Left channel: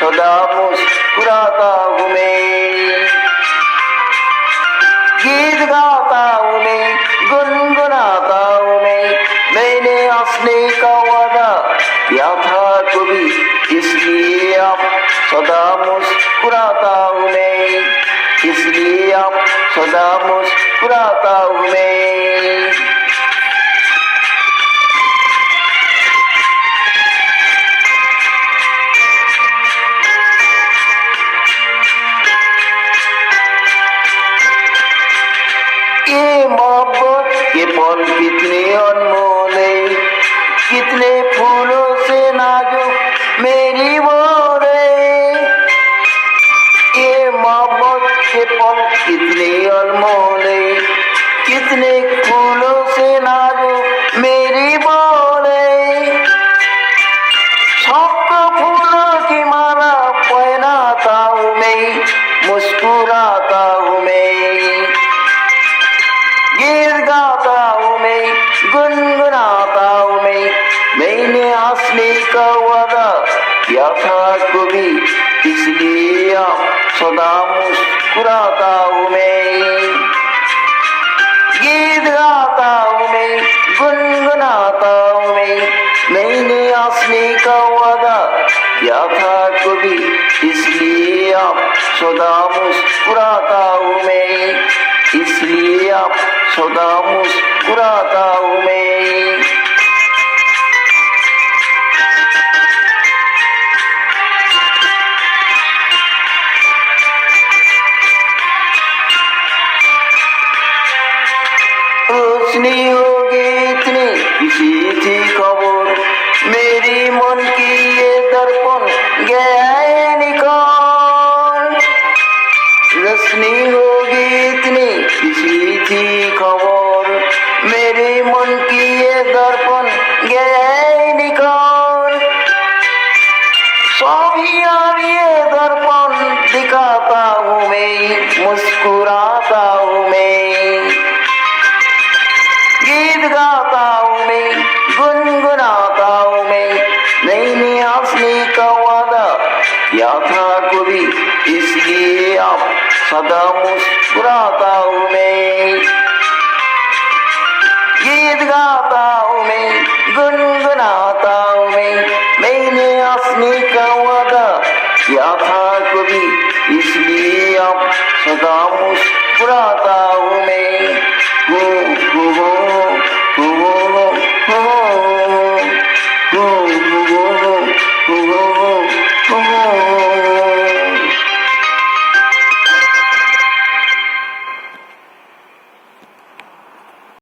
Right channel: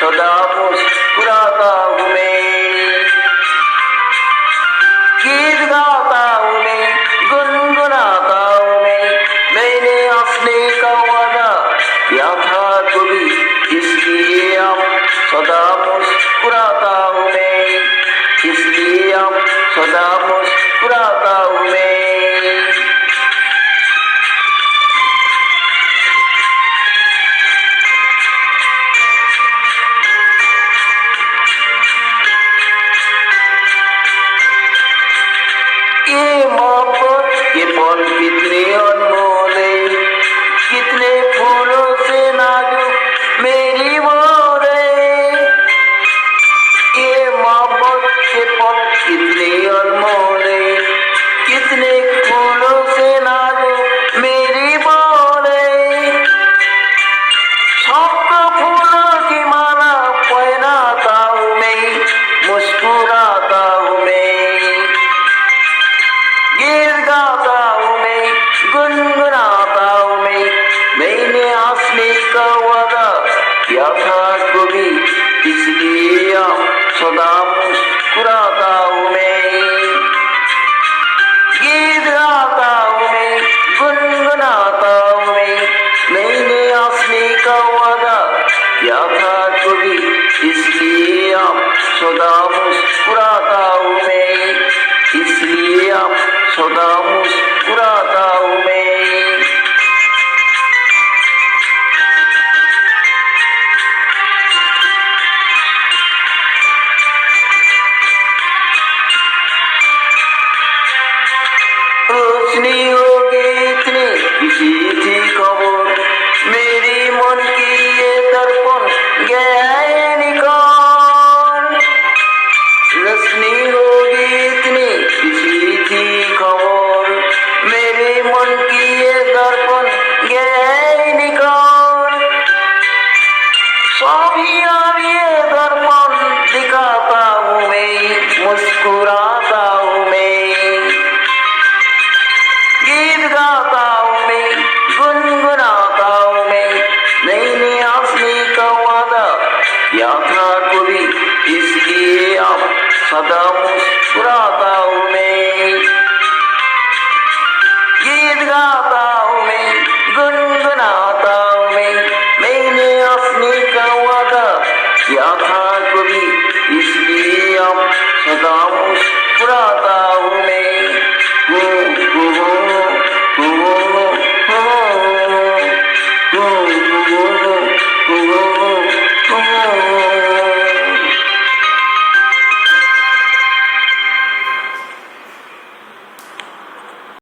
सदा मुस्कुराता हूँ मैं। गीत गाता हूँ मैं, गुनगुनाता हूँ मैंने हंसने का वादा किया था कभी, इसलिए अब सदा मुस्कुराता हूँ मैं, इसलिए अब सदा मुस्कुराता हूँ मैं। ये मोहब्बत के पल कितने अनमोल है, कितने फूलों से नाजुक मेरी मोर है। ये मोहब्बत के पल कितने अनमोल है, कितने फूलों से नाजुक मेरी मोर है। शब्द फूलों की माला पहनाता हूँ मैं, मुस्कुराता हूँ मैं। गीत गाता हूँ मैं, गुनगुनाता हूँ मैंने हंसने का वादा किया था कभी, इसलिए अब सदा मुस्कुराता हूँ मैं। गीत गाता हूँ मैं, गुनगुनाता हूँ मैंने हंसने का वादा किया था कभी, इसलिए अब सदा मुस्कुराता हूँ मैं, इसलिए अब सदा मुस्कुराता हूँ मैं। रोशनी होगी इतनी किसी थी खबर, मेरी मन की ये दर्पण गया है निकाल। रोशनी होगी इतनी किसी थी खबर, मेरे मन की ये दर्पण गया है निकाल। सभी और ये दर्पण दिखाता हूँ मैं, मुस्कुराता हूँ मैं। गीत गाता हूँ मैं, गुनगुनाता हूँ मैंने हंसने का वादा किया था कभी, इसलिए अब सदा मुस्कुराता हूँ मैं। गीत गाता हूँ मैं, गुनगुनाता हूँ मैंने हंसने का वादा किया था कभी, इसलिए अब सदा मुस्कुराता